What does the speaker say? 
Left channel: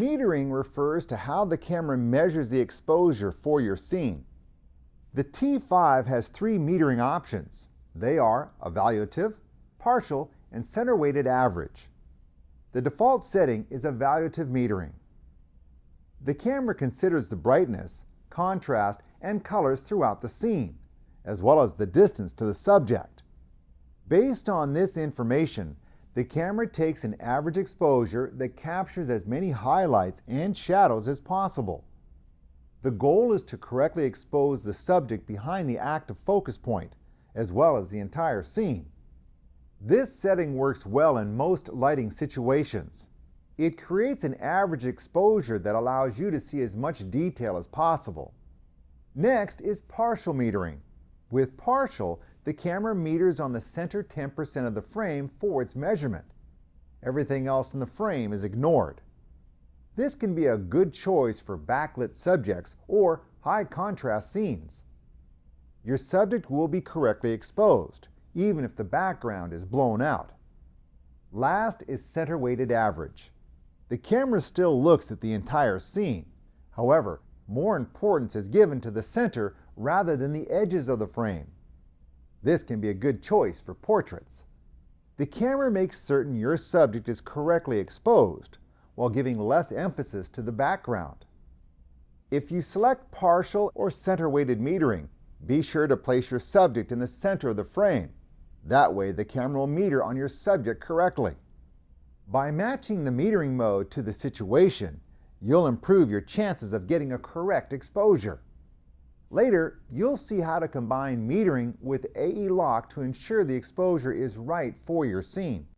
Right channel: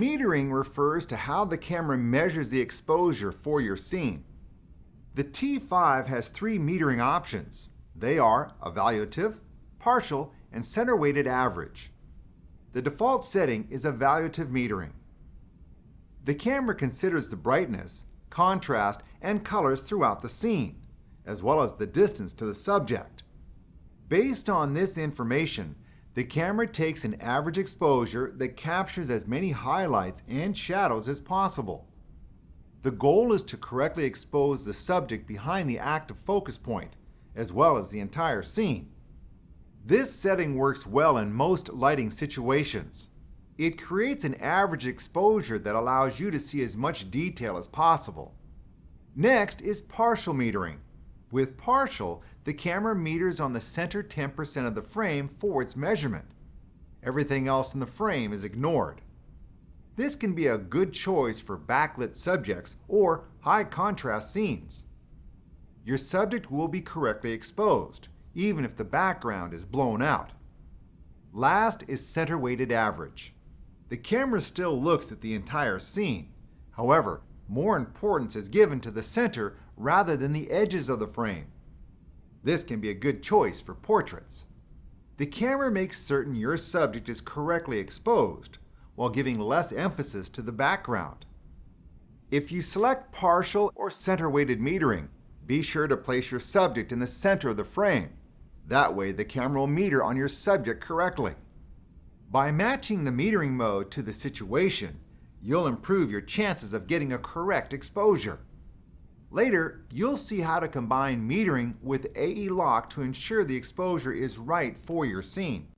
Metering refers to how the camera measures the exposure for your scene. The T5 has three metering options. They are evaluative, partial, and center-weighted average. The default setting is evaluative metering. The camera considers the brightness, contrast, and colors throughout the scene, as well as the distance to the subject. Based on this information, the camera takes an average exposure that captures as many highlights and shadows as possible. The goal is to correctly expose the subject behind the active focus point, as well as the entire scene. This setting works well in most lighting situations. It creates an average exposure that allows you to see as much detail as possible. Next is partial metering. With partial, the camera meters on the center 10% of the frame for its measurement. Everything else in the frame is ignored. This can be a good choice for backlit subjects or high contrast scenes. Your subject will be correctly exposed, even if the background is blown out. Last is center-weighted average. The camera still looks at the entire scene. However, more importance is given to the center rather than the edges of the frame. This can be a good choice for portraits. The camera makes certain your subject is correctly exposed, while giving less emphasis to the background. If you select partial or center-weighted metering, be sure to place your subject in the center of the frame. That way, the camera will meter on your subject correctly. By matching the metering mode to the situation, you'll improve your chances of getting a correct exposure. Later, you'll see how to combine metering with AE lock to ensure the exposure is right for your scene.